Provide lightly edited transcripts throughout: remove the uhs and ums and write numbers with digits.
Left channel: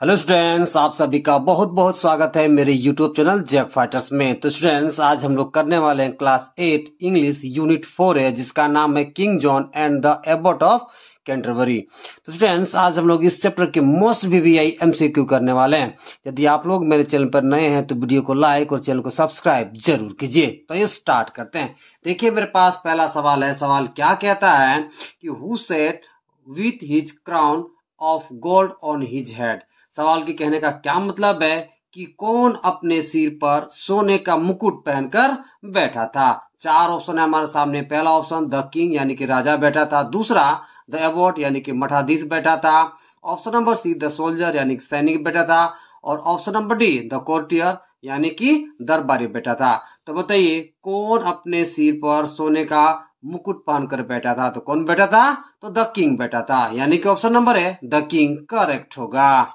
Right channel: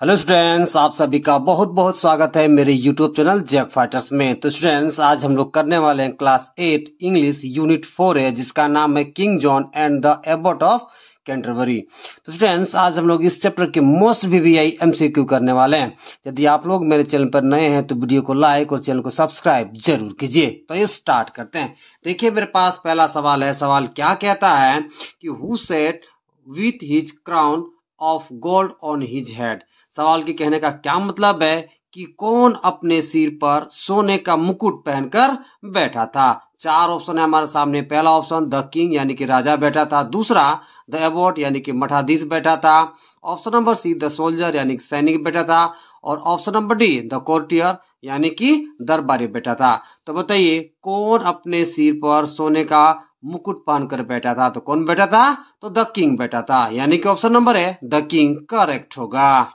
Hello students, आप सभी का बहुत बहुत स्वागत है मेरे यूट्यूब चैनल जैक फाइटर्स में। तो स्टूडेंट्स, आज हम लोग करने वाले हैं क्लास 8 इंग्लिश यूनिट 4 है, जिसका नाम है king John and the Abbott of Canterbury. तो स्टूडेंट्स, आज हम लोग इस चैप्टर के मोस्ट VVI MCQ करने वाले हैं। यदि आप लोग मेरे चैनल पर नए हैं तो वीडियो को लाइक और चैनल को सब्सक्राइब जरूर कीजिए। तो ये स्टार्ट करते हैं। देखिए, मेरे पास पहला सवाल है। सवाल क्या कहता है कि who set with his crown of gold on his head. सवाल के कहने का क्या मतलब है कि कौन अपने सिर पर सोने का मुकुट पहनकर बैठा था। चार ऑप्शन है हमारे सामने। पहला ऑप्शन द किंग यानी कि राजा बैठा था। दूसरा द एबॉट यानी कि मठाधीश बैठा था। Option number C the soldier यानी कि सैनिक बैठा था। और option number D the courtier यानी कि दरबारी बैठा था। तो बताइए, कौन अपने सिर पर सोने का मुकुट पहनकर बैठा था? तो कौन बैठा था? तो द किंग बैठा था, यानी कि ऑप्शन नंबर है द किंग करेक्ट होगा।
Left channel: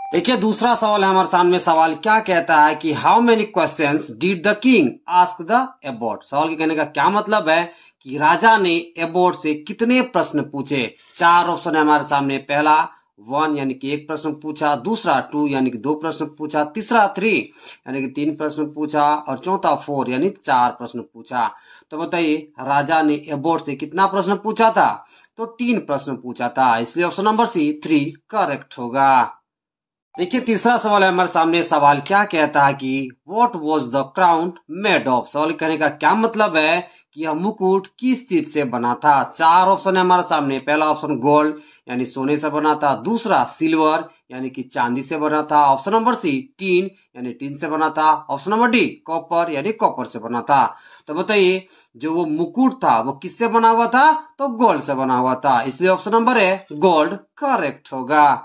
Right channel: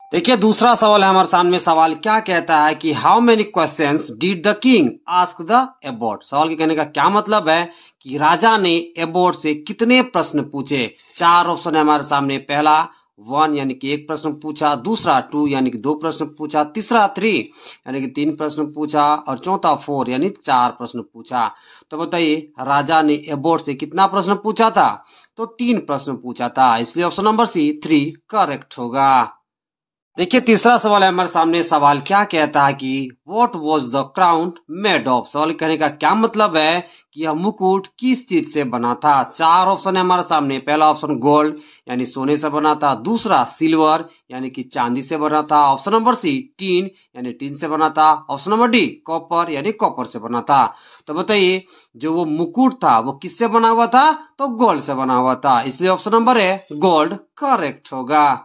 देखिए, दूसरा सवाल है हमारे सामने। सवाल क्या कहता है कि how many questions did the king ask the Abbott. सवाल के कहने का क्या मतलब है कि राजा ने एबॉट से कितने प्रश्न पूछे। चार ऑप्शन है हमारे सामने। पहला 1 यानी कि एक प्रश्न पूछा। दूसरा 2 यानी कि 2 प्रश्न पूछा। तीसरा 3 यानी कि 3 प्रश्न पूछा। और चौथा 4 यानी 4 प्रश्न पूछा। तो बताइए, राजा ने एबॉट से कितना प्रश्न पूछा था? तो 3 प्रश्न पूछा था, इसलिए ऑप्शन नंबर सी 3 करेक्ट होगा। देखिए, तीसरा सवाल है हमारे सामने। सवाल क्या कहता है कि what was the crown made of. सवाल कहने का क्या मतलब है कि यह मुकुट किस चीज से बना था। चार ऑप्शन है हमारे सामने। पहला ऑप्शन गोल्ड यानी सोने से बना था। दूसरा सिल्वर यानी कि चांदी से बना था। ऑप्शन नंबर सी टीन यानी टीन से बना था। ऑप्शन नंबर डी कॉपर यानी कॉपर से बना था। तो बताइए, जो वो मुकुट था वो किससे बना हुआ था? तो गोल्ड से बना हुआ था, इसलिए ऑप्शन नंबर है गोल्ड करेक्ट होगा।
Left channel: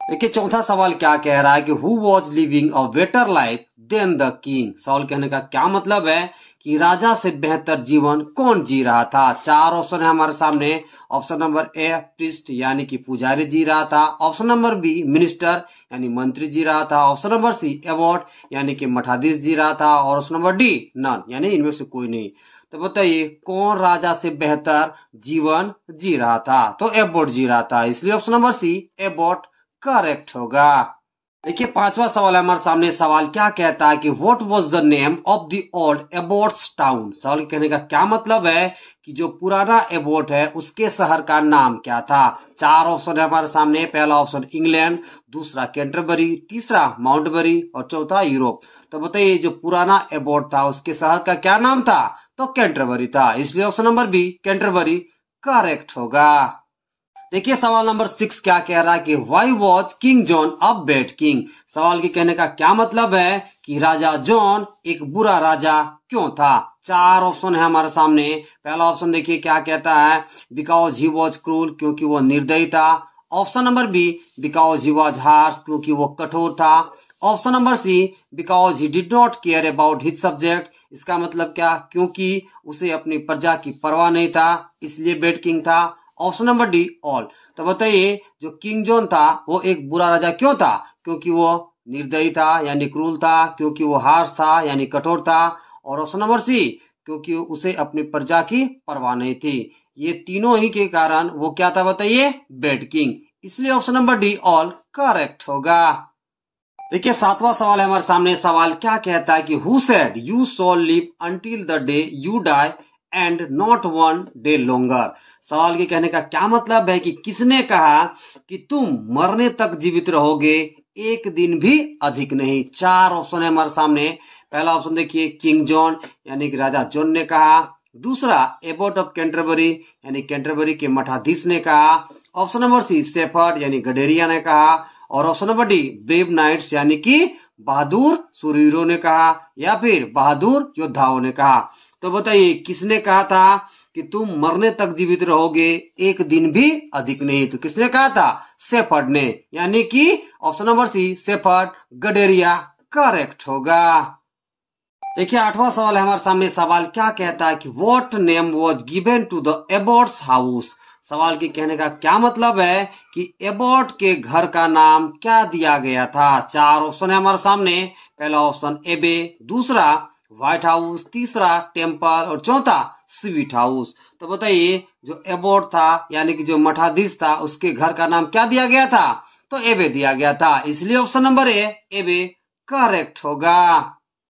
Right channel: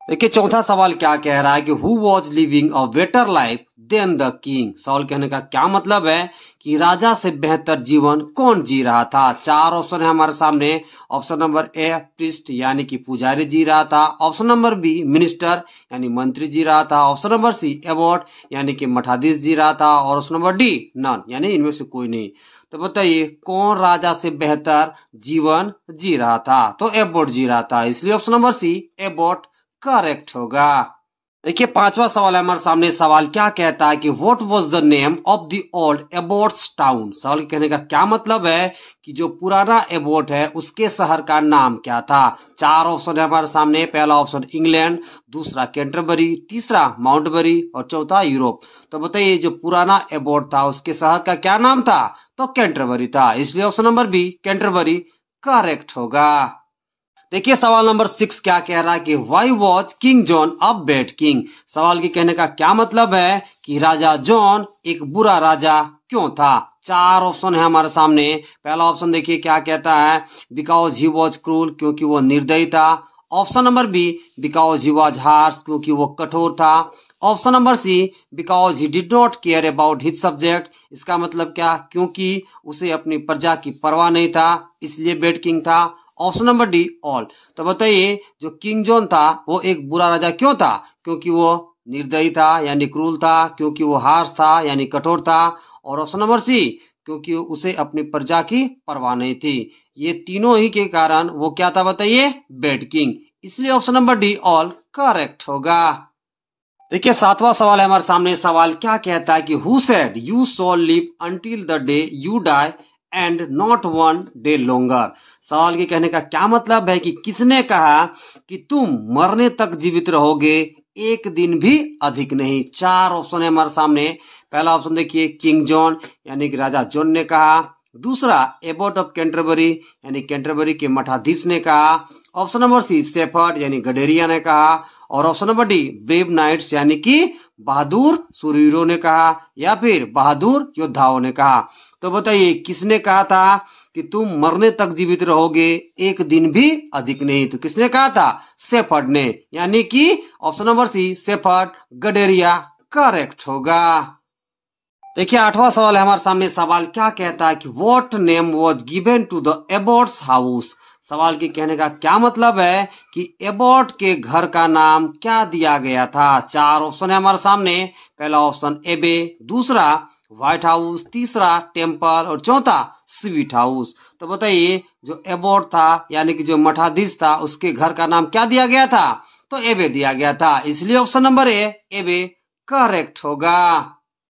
देखिए, चौथा सवाल क्या कह रहा है कि who was living a better life than the king. सवाल कहने का क्या मतलब है कि राजा से बेहतर जीवन कौन जी रहा था। चार ऑप्शन है हमारे सामने। ऑप्शन नंबर ए प्रीस्ट यानी कि पुजारी जी रहा था। ऑप्शन नंबर बी मिनिस्टर यानी मंत्री जी रहा था। ऑप्शन नंबर सी एबॉट यानी कि मठाधीश जी रहा था। और ऑप्शन नंबर डी नन यानी इनमें से कोई नहीं। तो बताइए, कौन राजा से बेहतर जीवन जी रहा था? तो एबॉट जी रहा था, इसलिए option number C abbot correct होगा। देखिए, पांचवा सवाल है हमारे सामने। सवाल क्या कहता है कि what was the name of the old Abbott's town. सवाल कहने का क्या मतलब है कि जो पुराना एबॉट है उसके शहर का नाम क्या था। चार ऑप्शन है हमारे सामने। पहला ऑप्शन इंग्लैंड, दूसरा कैंटरबरी, तीसरा माउंटबरी और चौथा यूरोप। तो बताइए, जो पुराना एबॉट था उसके शहर का क्या नाम था? तो कैंटरबरी था, इसलिए option number B Canterbury correct होगा। देखिए, सवाल नंबर 6 क्या कह रहा है कि why was king John a bad king. सवाल के कहने का क्या मतलब है कि राजा जॉन एक बुरा राजा क्यों था। चार ऑप्शन है हमारे सामने। पहला ऑप्शन देखिए क्या कहता है, बिकॉज ही वॉज क्रूल क्योंकि वो निर्दयी था। Option number B because he was harsh क्योंकि वो कठोर था। Option number C because he did not care about his subject. इसका मतलब क्या? क्योंकि उसे अपनी प्रजा की परवाह नहीं था, इसलिए बैड किंग था। Option number D all. तो बताइए, जो किंग जॉन था वो एक बुरा राजा क्यों था? क्योंकि वो निर्दयी था यानी क्रूल था, क्योंकि वो हार्श था यानी कठोर था, और ऑप्शन नंबर सी क्योंकि उसे अपनी प्रजा की परवाह नहीं थी। ये तीनों ही के कारण वो क्या था बताइए? बैड किंग, इसलिए option number D all correct होगा। देखिए, सातवां सवाल है हमारे सामने। सवाल क्या कहता है कि who said you shall live until the day you die and not one day longer. सवाल के कहने का क्या मतलब है कि किसने कहा कि तुम मरने तक जीवित रहोगे, एक दिन भी अधिक नहीं। चार ऑप्शन है हमारे सामने। पहला ऑप्शन देखिए किंग जॉन यानी कि राजा जॉन ने कहा। दूसरा एबॉट ऑफ कैंटरबरी यानी कैंटरबरी के मठाधीश ने कहा। ऑप्शन नंबर सी शेफर्ड यानी गडेरिया ने कहा। और option number D brave knights यानी कि बहादुर सूरवीरों ने कहा, या फिर बहादुर योद्धाओं ने कहा। तो बताइए, किसने कहा था कि तुम मरने तक जीवित रहोगे, एक दिन भी अधिक नहीं? तो किसने कहा था? शेफर्ड ने, यानी कि ऑप्शन नंबर सी शेफर्ड गडेरिया करेक्ट होगा। देखिए, आठवां सवाल है हमारे सामने। सवाल क्या कहता है कि what name was given to the abbot's house. सवाल के कहने का क्या मतलब है कि एबॉट के घर का नाम क्या दिया गया था। चार ऑप्शन है हमारे सामने। पहला ऑप्शन एबे, दूसरा व्हाइट हाउस, तीसरा टेम्पल और चौथा स्वीट हाउस। तो बताइए, जो एबॉट था यानी कि जो मठाधीश था उसके घर का नाम क्या दिया गया था? तो एबे दिया गया था, इसलिए ऑप्शन नंबर ए एबे करेक्ट होगा।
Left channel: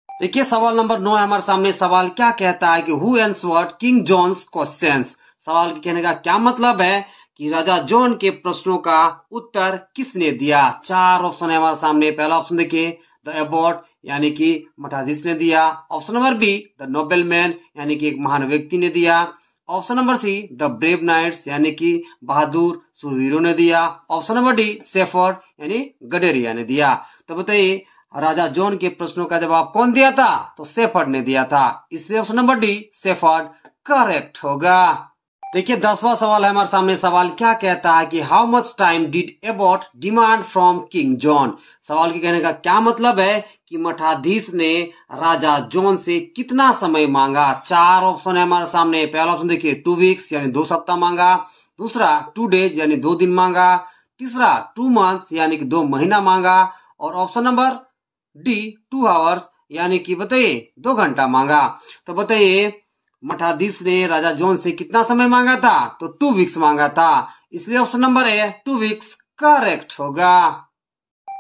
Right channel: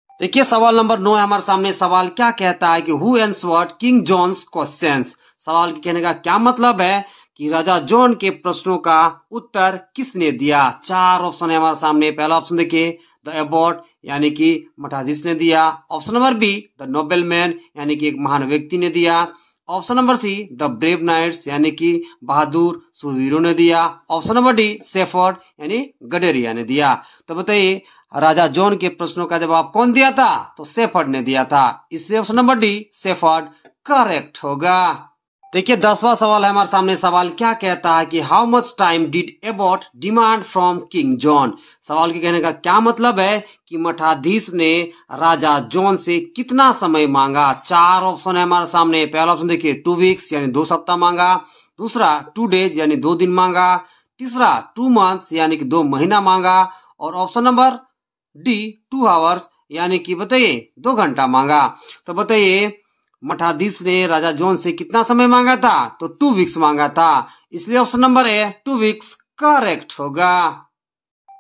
देखिए सवाल नंबर 9 हमारे सामने। सवाल क्या कहता है कि who answered King John's questions. सवाल के कहने का क्या मतलब है कि राजा जॉन के प्रश्नों का उत्तर किसने दिया। 4 ऑप्शन है हमारे सामने। पहला ऑप्शन देखिए द एबॉट यानी कि मठाधीश ने दिया। Option number B the nobleman यानी कि एक महान व्यक्ति ने दिया। Option number C the brave knights यानी कि बहादुर सूरवीरों ने दिया। ऑप्शन नंबर डी शेफर्ड यानी गडेरिया ने दिया। तो बताइए राजा जॉन के प्रश्नों का जवाब कौन दिया था, तो शेफर्ड ने दिया था, इसलिए option number D shepherd correct होगा। देखिए 10वां सवाल है हमारे सामने। सवाल क्या कहता है कि how much time did Abbott demand from king John. सवाल के कहने का क्या मतलब है कि मठाधीश ने राजा जॉन से कितना समय मांगा। 4 ऑप्शन है हमारे सामने। पहला ऑप्शन देखिए 2 वीक्स यानी 2 सप्ताह मांगा। दूसरा 2 डेज यानी 2 दिन मांगा। तीसरा 2 मंथ्स यानी कि 2 महीना मांगा। और ऑप्शन नंबर डी 2 आवर्स यानी कि बताइए 2 घंटा मांगा। तो बताइए मठाधीश ने राजा जॉन से कितना समय मांगा था, तो 2 वीक्स मांगा था, इसलिए option number A 2 weeks correct होगा।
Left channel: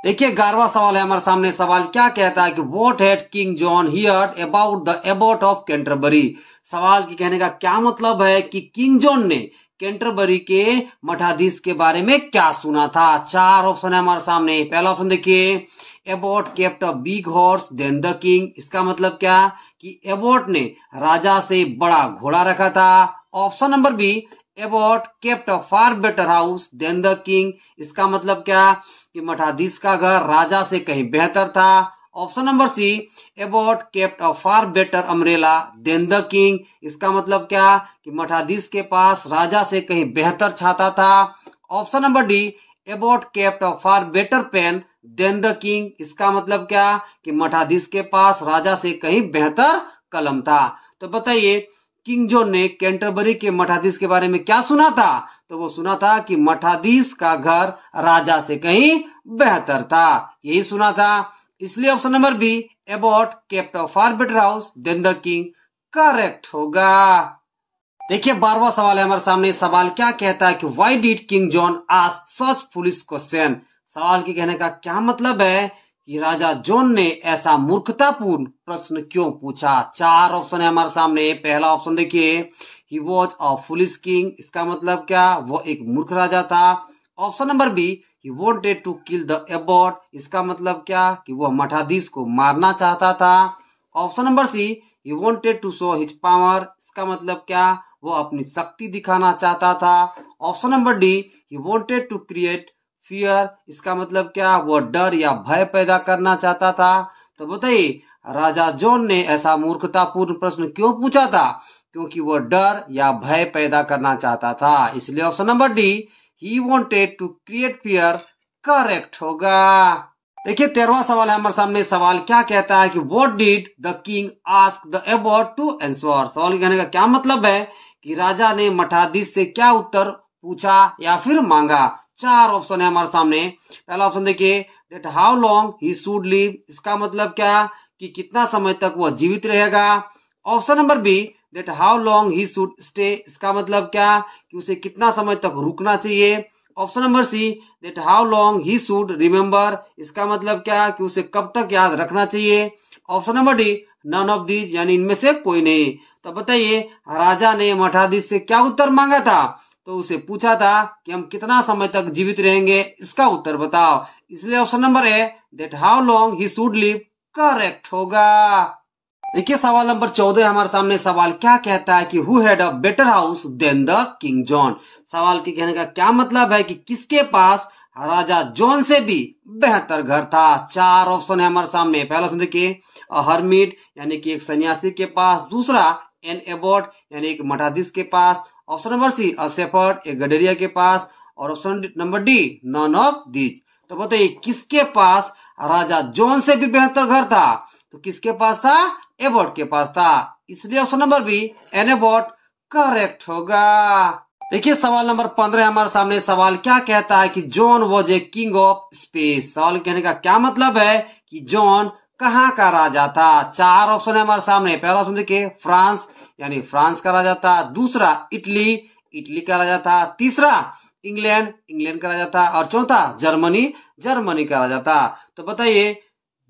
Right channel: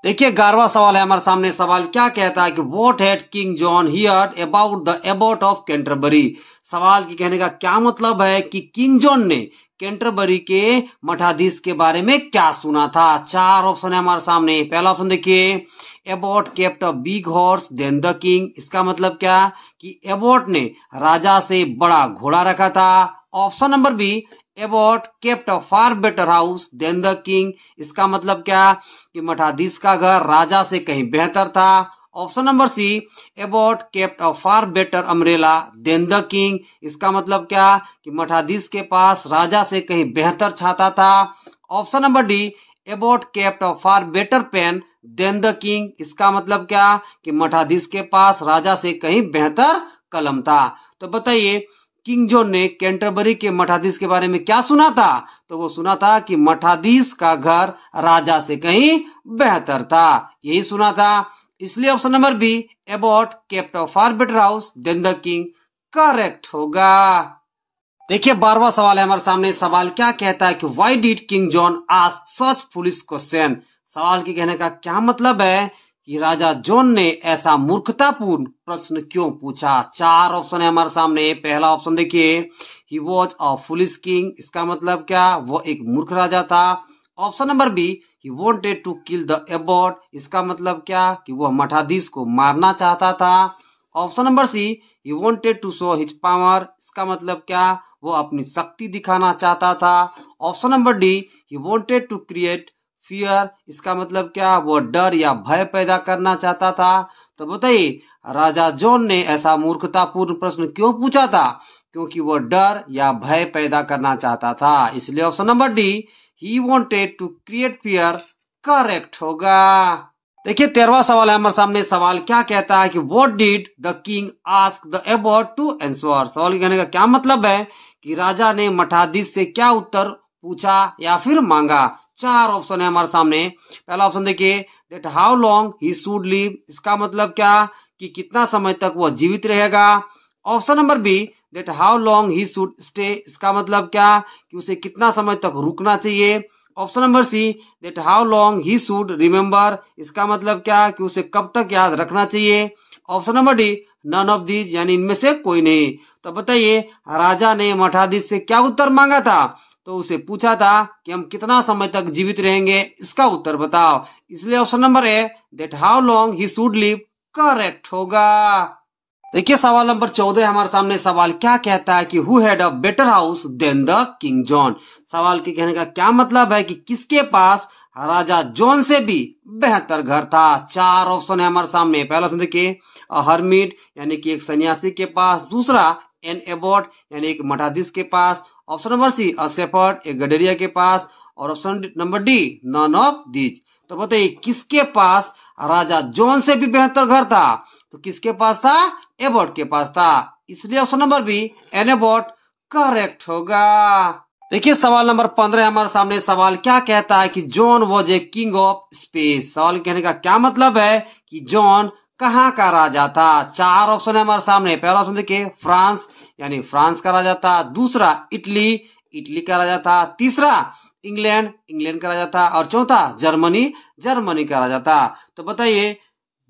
देखिए 11वां सवाल है हमारे सामने। सवाल क्या कहता है कि what had king John heard about the Abbott of Canterbury. सवाल के कहने का क्या मतलब है कि किंग जॉन ने कैंटरबरी के मठाधीश के बारे में क्या सुना था। 4 ऑप्शन है हमारे सामने। पहला ऑप्शन देखिए abbot kept a big horse than the king. इसका मतलब क्या कि एबॉट ने राजा से बड़ा घोड़ा रखा था। Option number B abbot kept a far better house than the king. इसका मतलब क्या कि मठाधीश का घर राजा से कहीं बेहतर था। Option number C abbot kept a far better umbrella than the king. इसका मतलब क्या कि मठाधीश के पास राजा से कहीं बेहतर छाता था। Option number D abbot kept a far better pen than the king. इसका मतलब क्या कि मठाधीश के पास राजा से कहीं बेहतर कलम था। तो बताइए किंग जॉन ने कैंटरबरी के मठाधीश के बारे में क्या सुना था, तो वो सुना था कि मठाधीश का घर राजा से कहीं बेहतर था, यही सुना था, इसलिए option number B abbot kept a far better house than the king correct होगा। देखिए 12वां सवाल है हमारे सामने। सवाल क्या कहता है कि why did King John ask such foolish question. सवाल के कहने का क्या मतलब है कि राजा जॉन ने ऐसा मूर्खतापूर्ण प्रश्न क्यों पूछा। 4 ऑप्शन है हमारे सामने। पहला ऑप्शन देखिए he was a foolish king. इसका मतलब क्या, वो एक मूर्ख राजा था। Option number B he wanted to kill the abbot. इसका मतलब क्या कि वह मठाधीश को मारना चाहता था। Option number C he wanted to show his power. इसका मतलब क्या, वो अपनी शक्ति दिखाना चाहता था। Option number D he wanted to create fear. इसका मतलब क्या, वो डर या भय पैदा करना चाहता था। तो बताइए राजा जॉन ने ऐसा मूर्खतापूर्ण प्रश्न क्यों पूछा था, क्योंकि वो डर या भय पैदा करना चाहता था, इसलिए option number D he wanted to create fear correct होगा। देखिए 13वां सवाल है हमारे सामने। सवाल क्या कहता है कि what did the king ask the abbot to answer. सवाल कहने का क्या मतलब है कि राजा ने मठाधीश से क्या उत्तर पूछा या फिर मांगा। 4 ऑप्शन है हमारे सामने। पहला ऑप्शन देखिए that how long he should live. इसका मतलब क्या कि कितना समय तक वह जीवित रहेगा। Option number B that how long he should stay. इसका मतलब क्या कि उसे कितना समय तक रुकना चाहिए। Option number see that how long he should remember. इसका मतलब क्या कि उसे कब तक याद रखना चाहिए। Option number D none of these यानी इनमें से कोई नहीं। तो बताइए राजा ने मठाधीश से क्या उत्तर मांगा था, तो उसे पूछा था कि हम कितना समय तक जीवित रहेंगे, इसका उत्तर बताओ, इसलिए option number A that how long he should live correct होगा। देखिए सवाल नंबर 14 हमारे सामने। सवाल क्या कहता है कि who had a better house than the King John. सवाल के कहने का क्या मतलब है कि किसके पास राजा जॉन से भी बेहतर घर था। 4 ऑप्शन है हमारे सामने। पहला ऑप्शन देखिए अ हर्मिट यानी कि एक सन्यासी के पास। दूसरा एन एबॉट यानी एक मठाधीश के पास। Option number C a shepherd एक गडेरिया के पास। और option number D none of these. तो बताइए किसके पास राजा जॉन से भी बेहतर घर था, तो किसके पास था, एबॉट के पास था, इसलिए option number B an abbot correct होगा। देखिए सवाल नंबर 15 हमारे सामने। सवाल क्या कहता है कि John was a king of space. सवाल कहने का क्या मतलब है कि जॉन कहाँ का राजा था। 4 ऑप्शन है हमारे सामने। पहला ऑप्शन देखिए फ्रांस यानी फ्रांस का राजा था। दूसरा इटली, इटली का राजा था। तीसरा इंग्लैंड, इंग्लैंड का राजा था। और चौथा जर्मनी, जर्मनी का राजा था। तो बताइए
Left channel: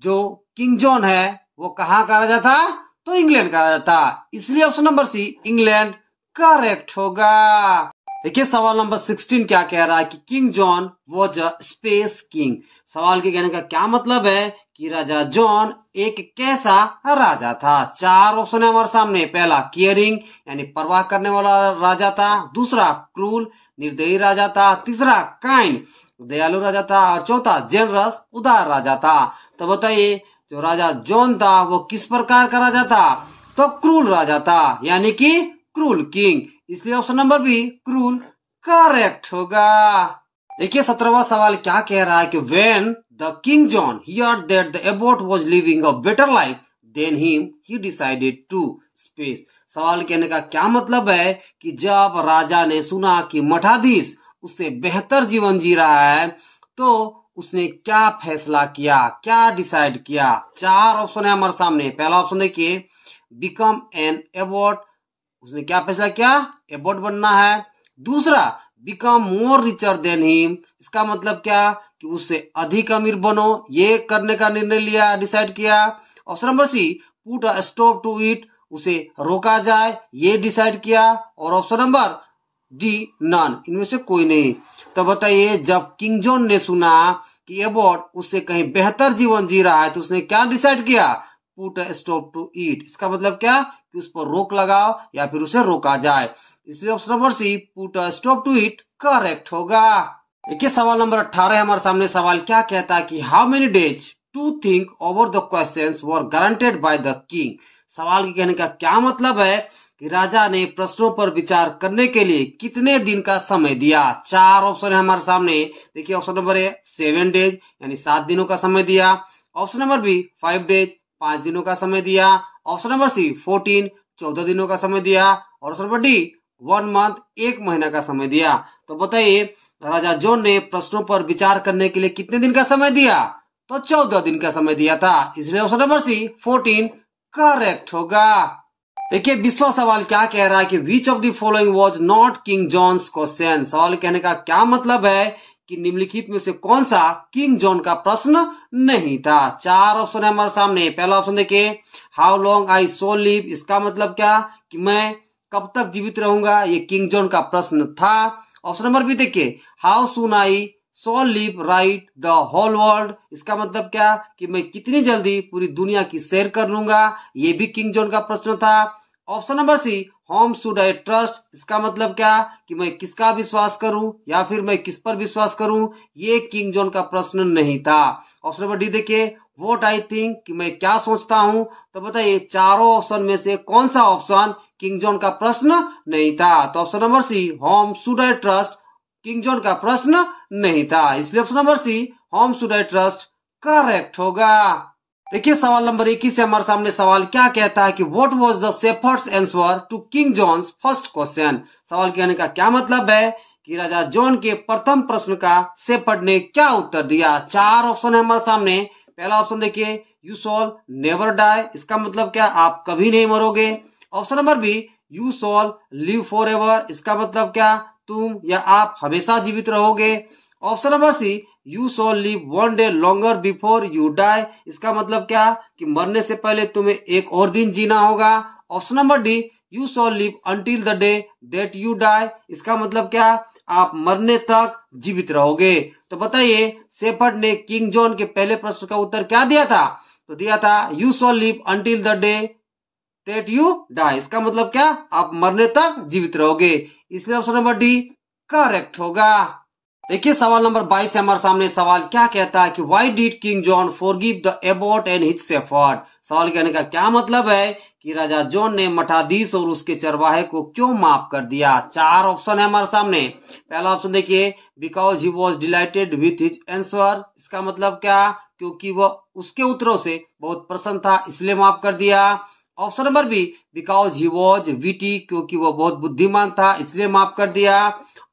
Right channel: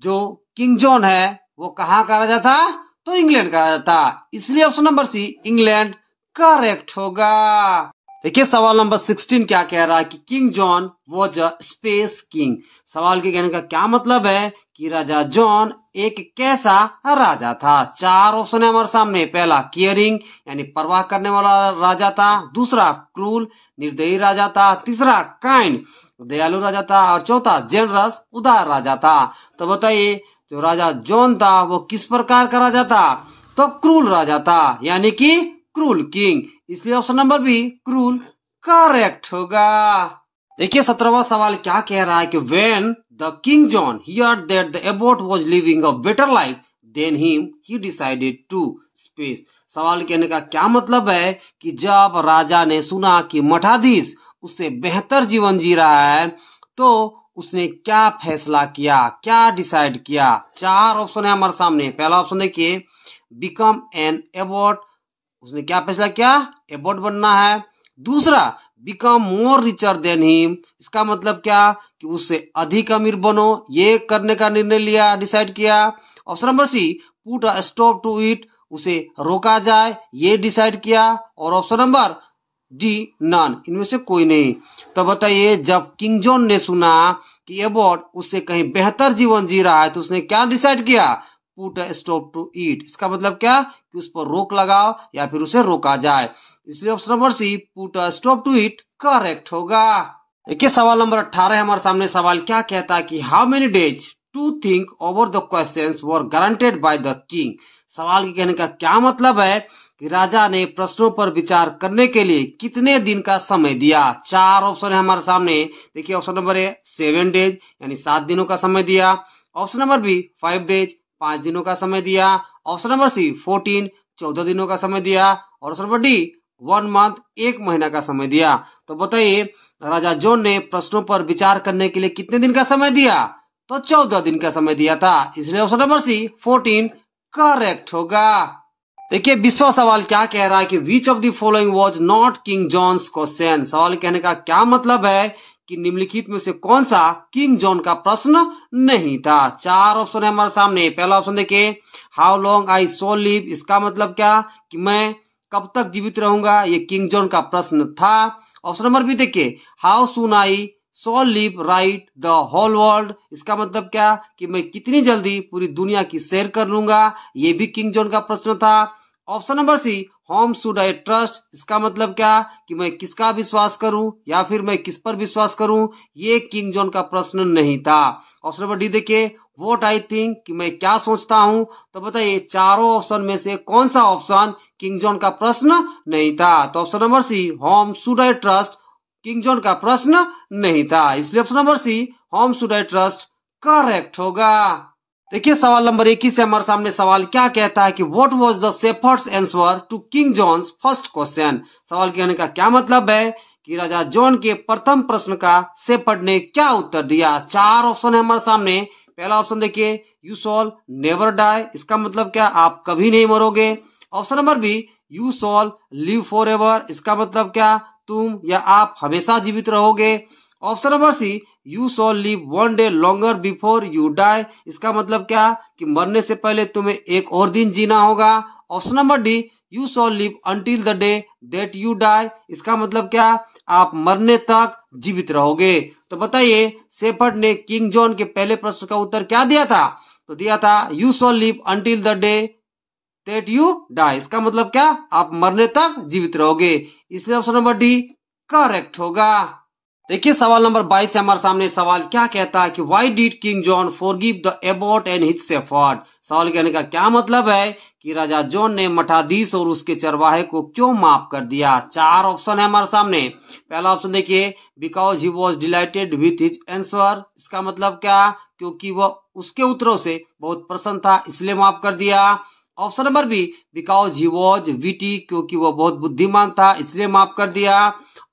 जो किंग जॉन है वो कहाँ का राजा था? तो इंग्लैंड का राजा था, इसलिए option number C England correct होगा। देखिए सवाल नंबर 16 क्या कह रहा है कि king John was a space king. सवाल के कहने का क्या मतलब है कि राजा जॉन एक कैसा राजा था। चार ऑप्शन है हमारे सामने। पहला केयरिंग यानी परवाह करने वाला राजा था, दूसरा क्रूल निर्दयी राजा था, तीसरा काइंड दयालु राजा था, और चौथा जेनरस उदार राजा था। तो बताइए जो राजा जॉन था वो किस प्रकार का राजा था? तो क्रूल राजा था, यानी कि क्रूल किंग, इसलिए option number B cruel correct होगा। देखिए 17वां सवाल क्या कह रहा है कि when the King John heard that the abbot was living a better life than him he decided to space. सवाल कहने का क्या मतलब है कि जब राजा ने सुना कि मठाधीश उससे बेहतर जीवन जी रहा है तो उसने क्या फैसला किया, क्या डिसाइड किया। चार ऑप्शन है हमारे सामने। पहला ऑप्शन देखिए बिकम एन एबोट, उसने क्या फैसला किया? एबोट बनना है। दूसरा become more richer than him, इसका मतलब क्या कि उससे अधिक अमीर बनो, ये करने का निर्णय लिया, डिसाइड किया। Option number C put a stop to it, उसे रोका जाए, ये डिसाइड किया। और ऑप्शन नंबर डी नन, इनमें से कोई नहीं। तो बताइए जब किंग जॉन ने सुना कि एबोट उससे कहीं बेहतर जीवन जी रहा है तो उसने क्या डिसाइड किया? Put a stop to it, इसका मतलब क्या कि उस पर रोक लगाओ या फिर उसे रोका जाए, इसलिए option number C put a stop to it correct होगा। देखिए सवाल नंबर 18 हमारे सामने। सवाल क्या कहता है कि how many days to think over the questions were guaranteed by the king. सवाल के कहने का क्या मतलब है कि राजा ने प्रश्नों पर विचार करने के लिए कितने दिन का समय दिया। चार ऑप्शन है हमारे सामने। देखिए ऑप्शन नंबर ए 7 डेज यानी 7 दिनों का समय दिया। ऑप्शन नंबर बी 5 डेज 5 दिनों का समय दिया। ऑप्शन नंबर सी 14 14 दिनों का समय दिया। और ऑप्शन नंबर डी 1 मंथ 1 महीना का समय दिया। तो बताइए राजा जॉन ने प्रश्नों पर विचार करने के लिए कितने दिन का समय दिया? तो 14 दिन का समय दिया था, इसलिए ऑप्शन नंबर सी 14 करेक्ट होगा। देखिए 20वां सवाल क्या कह रहा है कि which of the following was not King John's question. सवाल कहने का क्या मतलब है कि निम्नलिखित में से कौन सा किंग जॉन का प्रश्न नहीं था। चार ऑप्शन है हमारे सामने। पहला ऑप्शन देखिए how long I shall live, इसका मतलब क्या कि मैं कब तक जीवित रहूंगा, ये किंग जॉन का प्रश्न था। ऑप्शन नंबर बी देखिए how soon I shall live right the whole world, इसका मतलब क्या कि मैं कितनी जल्दी पूरी दुनिया की सैर कर लूंगा, ये भी किंग जॉन का प्रश्न था। Option number C whom should I trust, इसका मतलब क्या कि मैं किसका विश्वास करूं या फिर मैं किस पर विश्वास करूं, ये किंग जॉन का प्रश्न नहीं था। ऑप्शन नंबर डी देखिए व्हाट आई थिंक, कि मैं क्या सोचता हूं। तो बताइए चारों ऑप्शन में से कौन सा ऑप्शन किंग जॉन का प्रश्न नहीं था? तो option number C whom should I trust King John का प्रश्न नहीं था, इसलिए option number C whom should I trust correct होगा। देखिए सवाल नंबर 21 से हमारे सामने सवाल क्या कहता है कि what was the shepherd's answer to King John's first question. सवाल कहने का क्या मतलब है कि राजा जॉन के प्रथम प्रश्न का शेफर्ड ने क्या उत्तर दिया। चार ऑप्शन है हमारे सामने। पहला ऑप्शन देखिए यू शॉल नेवर डाई, इसका मतलब क्या आप कभी नहीं मरोगे। Option number B you shall live forever, इसका मतलब क्या तुम या आप हमेशा जीवित रहोगे। Option number C you shall live 1 day longer before you die, इसका मतलब क्या कि मरने से पहले तुम्हें एक और दिन जीना होगा। Option number D you shall live until the day that you die, इसका मतलब क्या आप मरने तक जीवित रहोगे। तो बताइए शेफर्ड ने किंग जॉन के पहले प्रश्न का उत्तर क्या दिया था? तो दिया था you shall live until the day that you die, इसका मतलब क्या आप मरने तक जीवित रहोगे, इसलिए ऑप्शन नंबर डी करेक्ट होगा। देखिए सवाल नंबर 22 हमारे सामने सवाल क्या कहता है कि why did King John forgive the Abbott and his shepherd. सवाल कहने का क्या मतलब है कि राजा जॉन ने मठाधीश और उसके चरवाहे को क्यों माफ कर दिया। चार ऑप्शन है हमारे सामने। पहला ऑप्शन देखिए because he was dilated with his answer, इसका मतलब क्या क्योंकि वह उसके उत्तरों से बहुत प्रसन्न था इसलिए माफ कर दिया। Option number B because he was witty, क्योंकि वह बहुत बुद्धिमान था इसलिए माफ कर दिया।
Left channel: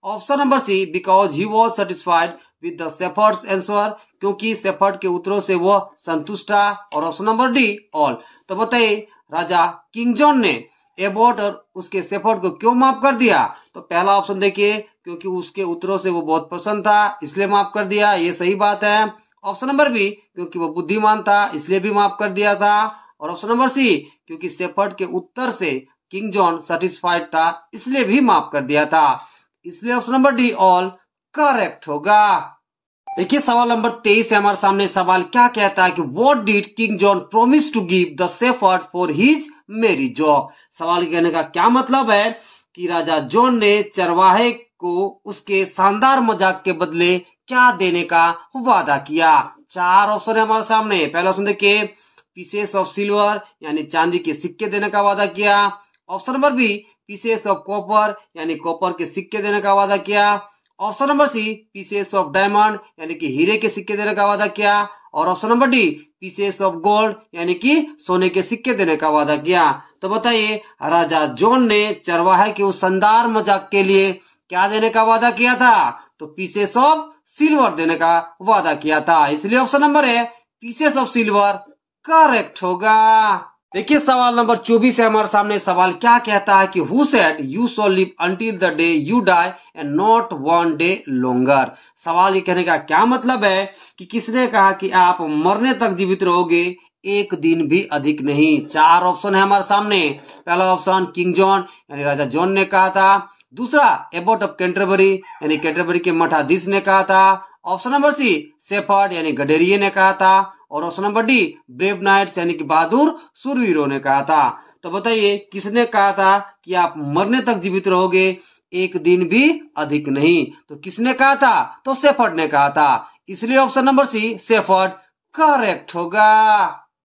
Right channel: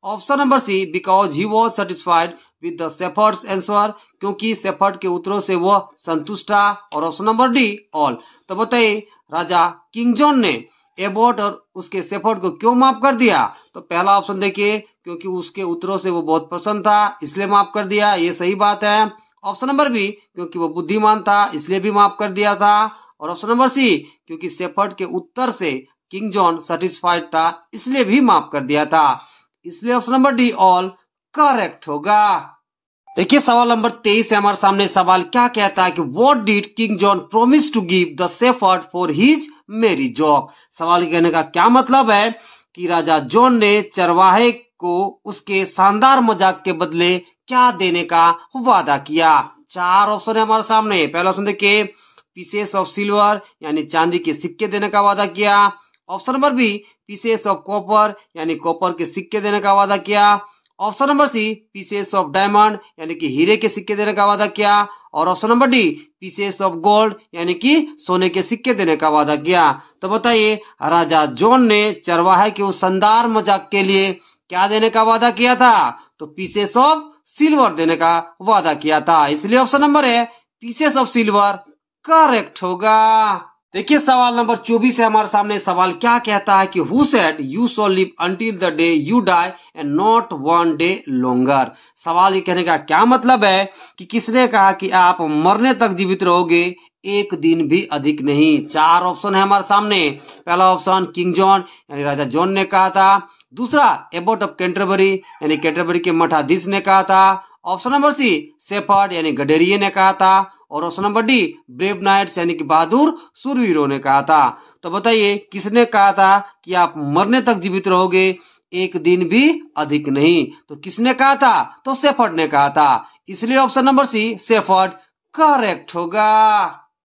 Option number C because he was satisfied with the shepherd's answer, क्योंकि शेफर्ड के उत्तरों से वह संतुष्ट था। और ऑप्शन नंबर डी ऑल। तो बताइए राजा किंग जॉन ने एबोट और उसके शेफर्ड को क्यों माफ कर दिया। तो पहला ऑप्शन देखिए क्योंकि उसके उत्तरों से वो बहुत प्रसन्न था इसलिए माफ कर दिया, ये सही बात है। ऑप्शन नंबर बी, क्योंकि वो बुद्धिमान था इसलिए भी माफ कर दिया था। और ऑप्शन नंबर सी, क्योंकि शेफर्ड के उत्तर से किंग जॉन सेटिस्फाइड था इसलिए भी माफ कर दिया था। इसलिए option number D all correct होगा। देखिए सवाल नंबर 23 है हमारे सामने। सवाल क्या कहता है कि what did King John promise to give the shepherd for his marriage joke. सवाल कहने का क्या मतलब है कि राजा जॉन ने चरवाहे को उसके शानदार मजाक के बदले क्या देने का वादा किया। चार ऑप्शन है हमारे सामने। पहला ऑप्शन देखिए, पीसेस ऑफ सिल्वर यानी चांदी के सिक्के देने का वादा किया। Option number B, pieces of copper यानी कॉपर के सिक्के देने का वादा किया। Option number C, pieces of diamond यानी कि हीरे के सिक्के देने का वादा किया। और option number D, pieces of gold यानी कि सोने के सिक्के देने का वादा किया। तो बताइए राजा जॉन ने चरवाहे के उस शानदार मजाक के लिए क्या देने का वादा किया था? तो पीसेस ऑफ सिल्वर देने का वादा किया था। इसलिए ऑप्शन नंबर है पीसेस ऑफ सिल्वर करेक्ट होगा। देखिए सवाल नंबर 24 है हमारे सामने। सवाल क्या कहता है कि who said you shall live until the day you die and not one day longer. सवाल ये कहने का क्या मतलब है कि किसने कहा कि आप मरने तक जीवित रहोगे, एक दिन भी अधिक नहीं। चार ऑप्शन है हमारे सामने। पहला ऑप्शन किंग जॉन यानी राजा जॉन ने कहा था। दूसरा एबॉट ऑफ कैंटरबरी यानी कैंटरबरी के मठाधीश ने कहा था। ऑप्शन नंबर सी, शेफर्ड यानी गडेरिये ने कहा था। और option number D, brave knights यानी कि बहादुर सूरवीरों ने कहा था। तो बताइए किसने कहा था कि आप मरने तक जीवित रहोगे, एक दिन भी अधिक नहीं? तो किसने कहा था? तो शेफर्ड ने कहा था। इसलिए option number C shepherd correct होगा।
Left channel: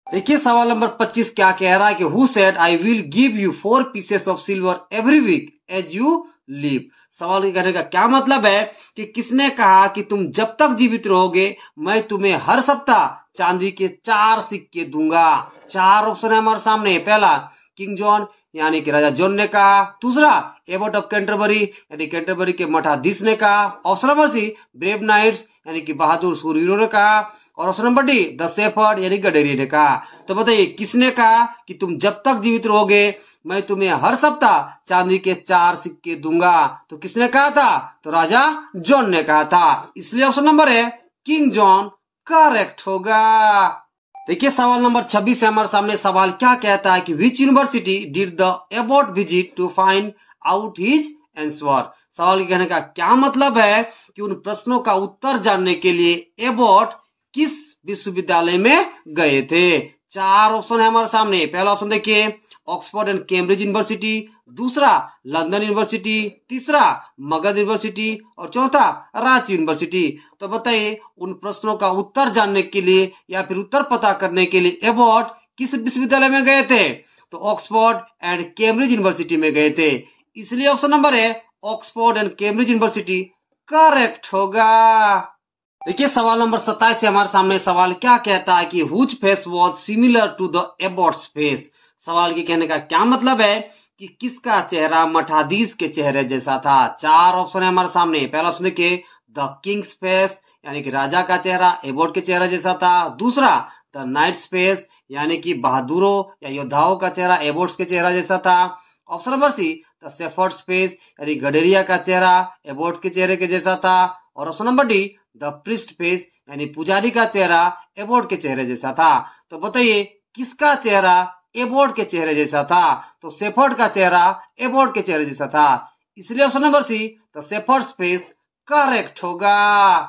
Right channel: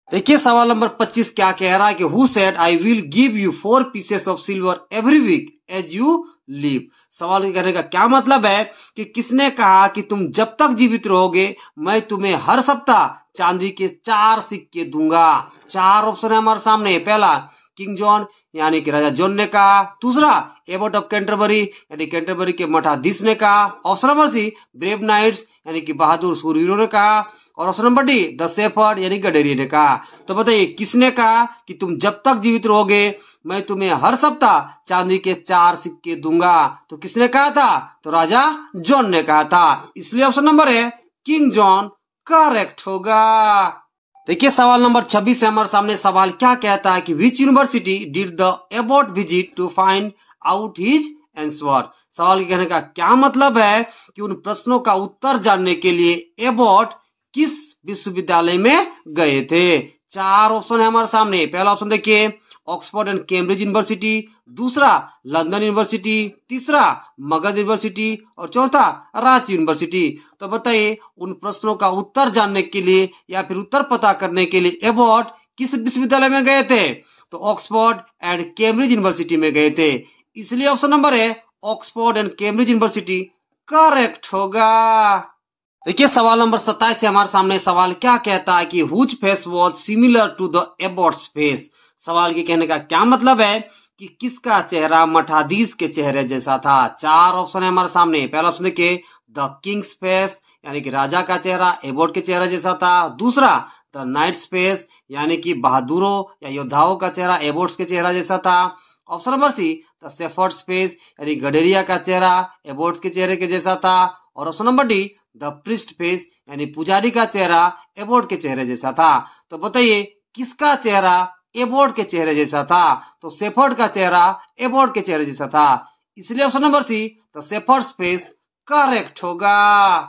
देखिए सवाल नंबर 25 क्या कह रहा है कि who said I will give you 4 pieces of silver every week as you live. सवाल के कहने का क्या मतलब है कि किसने कहा कि तुम जब तक जीवित रहोगे मैं तुम्हें हर सप्ताह चांदी के 4 सिक्के दूंगा। चार ऑप्शन है हमारे सामने। पहला किंग जॉन यानी कि राजा जॉन ने कहा। दूसरा एबॉट ऑफ कैंटरबरी यानी कैंटरबरी के मठाधीश ने कहा। Option number C, brave knights यानी कि बहादुर सूरवीरों ने कहा। और option number D, the shepherd यानी गडेरिये ने कहा। तो बताइए किसने कहा कि तुम जब तक जीवित रहोगे मैं तुम्हें हर सप्ताह चांदी के 4 सिक्के दूंगा? तो किसने कहा था? तो राजा जॉन ने कहा था। इसलिए ऑप्शन नंबर है किंग जॉन करेक्ट होगा। देखिए सवाल नंबर 26 है हमारे सामने। सवाल क्या कहता है कि which university did the abbot visit to find out his answer. सवाल के कहने का क्या मतलब है कि उन प्रश्नों का उत्तर जानने के लिए एबॉट किस विश्वविद्यालय में गए थे? चार ऑप्शन है हमारे सामने। पहला ऑप्शन देखिए, ऑक्सफोर्ड एंड कैम्ब्रिज यूनिवर्सिटी। दूसरा लंदन यूनिवर्सिटी। तीसरा मगध यूनिवर्सिटी। और चौथा रांची यूनिवर्सिटी। तो बताइए उन प्रश्नों का उत्तर जानने के लिए या फिर उत्तर पता करने के लिए एबॉट किस विश्वविद्यालय में गए थे? तो ऑक्सफोर्ड एंड कैम्ब्रिज यूनिवर्सिटी में गए थे। इसलिए ऑप्शन नंबर है Oxford and Cambridge university correct होगा। देखिए सवाल नंबर 27 है हमारे सामने। सवाल क्या कहता है कि whose face was similar to the abbot's face. सवाल के कहने का क्या मतलब है कि किसका चेहरा मठाधीश के चेहरे जैसा था? चार ऑप्शन है हमारे सामने। पहला ऑप्शन देखिए, द किंग्स फेस यानी कि राजा का चेहरा एबॉट के चेहरे जैसा था। दूसरा द नाइट्स फेस यानी कि बहादुरों या योद्धाओं का चेहरा एबॉट्स के चेहरा जैसा था। Option number C, the shepherd's face यानी गडेरिया का चेहरा एबॉट्स के चेहरे के जैसा था। और option number D, the priest face यानी पुजारी का चेहरा एबॉट के चेहरे जैसा था। तो बताइए किसका चेहरा एबॉट के चेहरे जैसा था? तो शेफर्ड का चेहरा एबॉट के चेहरे जैसा था। इसलिए option number C, the shepherd's face correct होगा।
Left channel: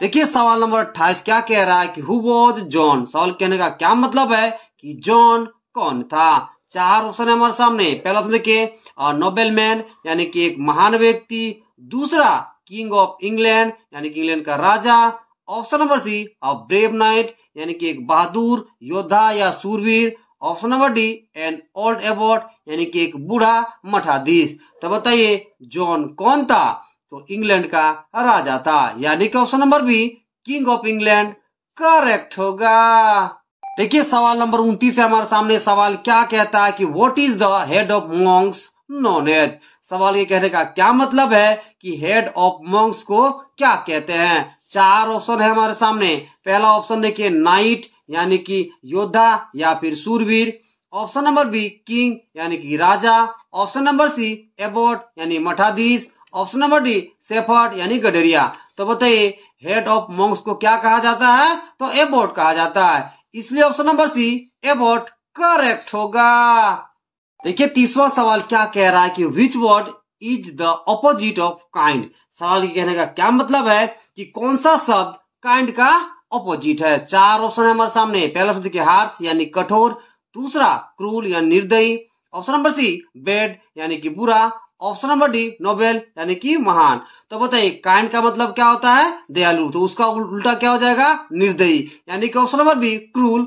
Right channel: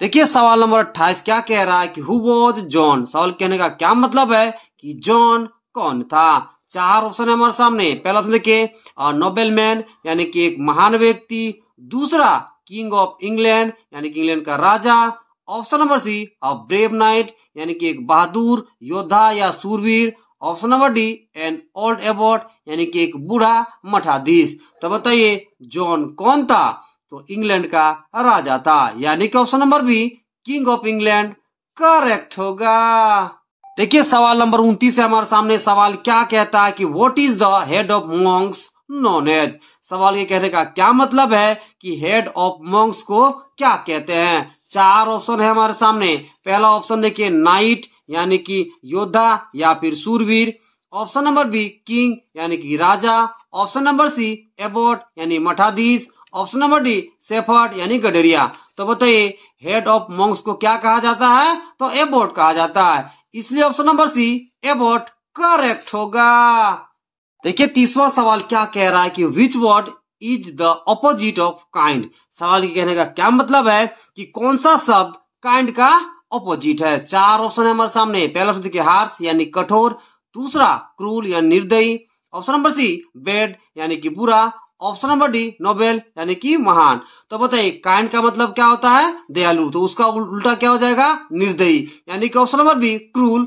देखिए सवाल नंबर 28 क्या कह रहा है कि हु वॉज जॉन। सवाल कहने का क्या मतलब है कि जॉन कौन था? चार ऑप्शन है हमारे सामने। पहला ऑप्शन देखिए, नोबेलमैन यानी कि एक महान व्यक्ति। दूसरा किंग ऑफ इंग्लैंड यानी कि इंग्लैंड का राजा। Option number C, brave knight यानी कि एक बहादुर योद्धा या सूरवीर। Option number D, an old abbot यानी कि एक बूढ़ा मठाधीश। तो बताइए जॉन कौन था? तो इंग्लैंड का राजा था, यानी कि option number be king of England correct होगा। देखिए सवाल नंबर 29 है हमारे सामने। सवाल क्या कहता है कि what is the head of monks known as. सवाल ये कहने का क्या मतलब है कि हेड ऑफ मॉन्क्स को क्या कहते हैं? चार ऑप्शन है हमारे सामने। पहला ऑप्शन देखिए, नाइट यानी कि योद्धा या फिर सूरवीर। ऑप्शन नंबर बी किंग यानी कि राजा। ऑप्शन नंबर सी एबॉट यानी मठाधीश। ऑप्शन नंबर डी शेफर्ड यानी गडरिया। तो बताइए हेड ऑफ मॉन्क्स को क्या कहा जाता है? तो एबॉट कहा जाता है, इसलिए option number C abbot correct होगा। देखिए तीसरा सवाल क्या कह रहा है कि which word is the opposite of kind. सवाल के कहने का क्या मतलब है कि कौन सा शब्द काइंड का ऑपोजिट है। चार ऑप्शन है हमारे सामने। पहला ऑप्शन देखिए हार्श यानी कठोर, दूसरा क्रूल यानी निर्दयी, ऑप्शन नंबर सी बैड यानी कि बुरा, ऑप्शन नंबर डी नोबेल यानी कि महान। तो बताइए काइंड का मतलब क्या होता है? दयालु, तो उसका उल्टा क्या हो जाएगा? निर्दयी, यानी कि option number B cruel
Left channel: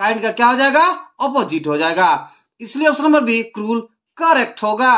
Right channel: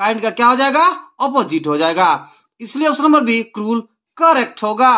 kind का क्या हो जाएगा? ऑपोजिट हो जाएगा, इसलिए option number B cruel correct होगा।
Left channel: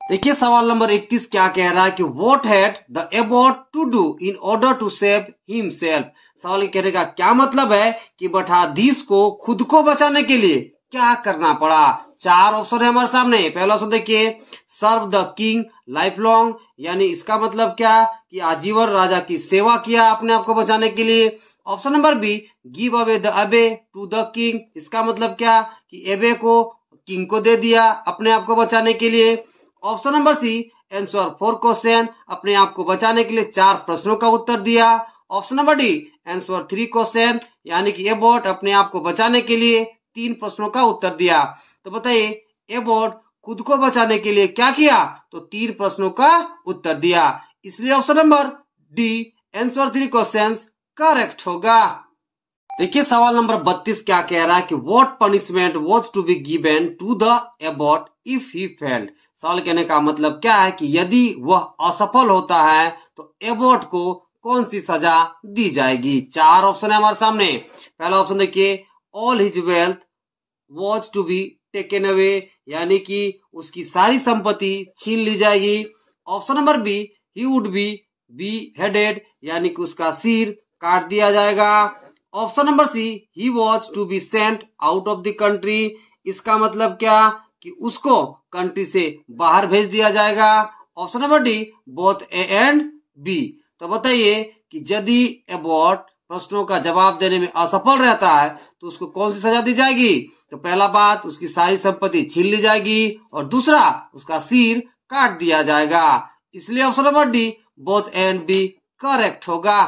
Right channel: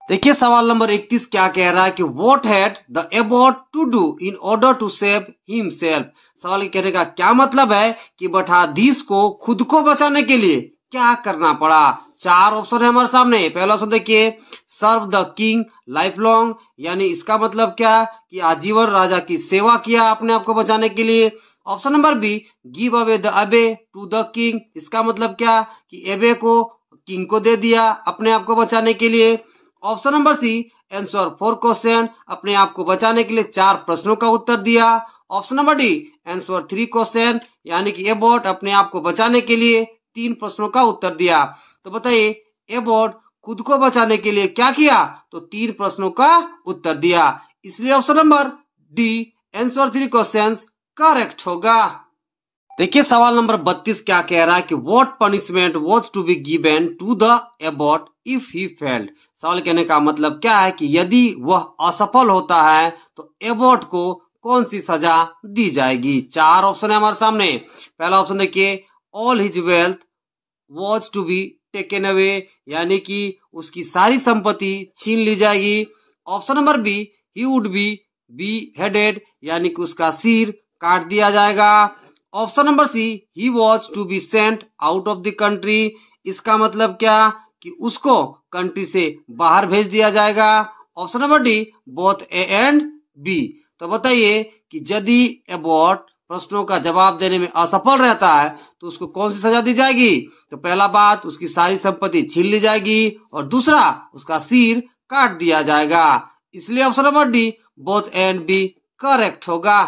देखिए सवाल नंबर 31 क्या कह रहा है कि what had the abbot to do in order to save himself. सवाल के कहने का क्या मतलब है कि मठाधीश को खुद को बचाने के लिए क्या करना पड़ा। चार ऑप्शन है हमारे सामने। पहला ऑप्शन देखिए serve the king life long, यानी इसका मतलब क्या कि आजीवन राजा की सेवा किया अपने आप को बचाने के लिए। Option number B give away the abbey to the king, इसका मतलब क्या कि एबे को किंग को दे दिया अपने आप को बचाने के लिए। Option number C answer 4 question, अपने आप को बचाने के लिए 4 प्रश्नों का उत्तर दिया। Option number D answer 3 question, यानी कि एबॉट अपने आप को बचाने के लिए 3 प्रश्नों का उत्तर दिया। तो बताइए एबॉट खुद को बचाने के लिए क्या किया? तो 3 प्रश्नों का उत्तर दिया, इसलिए option number D answer 3 question correct होगा। देखिए सवाल नंबर 32 क्या कह रहा है कि what punishment was to be given to the abbot if he failed. सवाल कहने का मतलब क्या है कि यदि वह असफल होता है तो एबॉट को कौन सी सजा दी जाएगी। 4 ऑप्शन है हमारे सामने। पहला ऑप्शन देखिए all his wealth was to be taken away, यानी कि उसकी सारी संपत्ति छीन ली जाएगी। Option number B he would be headed, यानी कि उसका सिर काट दिया जाएगा। Option number C he was to be sent out of the country, इसका मतलब क्या कि उसको कंट्री से बाहर भेज दिया जाएगा। Option number D both A and B. तो बताइए कि यदि एबॉट प्रश्नों का जवाब देने में असफल रहता है तो उसको कौन सी सजा दी जाएगी। तो पहला बात उसकी सारी संपत्ति छीन ली जाएगी और दूसरा उसका सिर काट दिया जाएगा, इसलिए option number D both A and B correct होगा।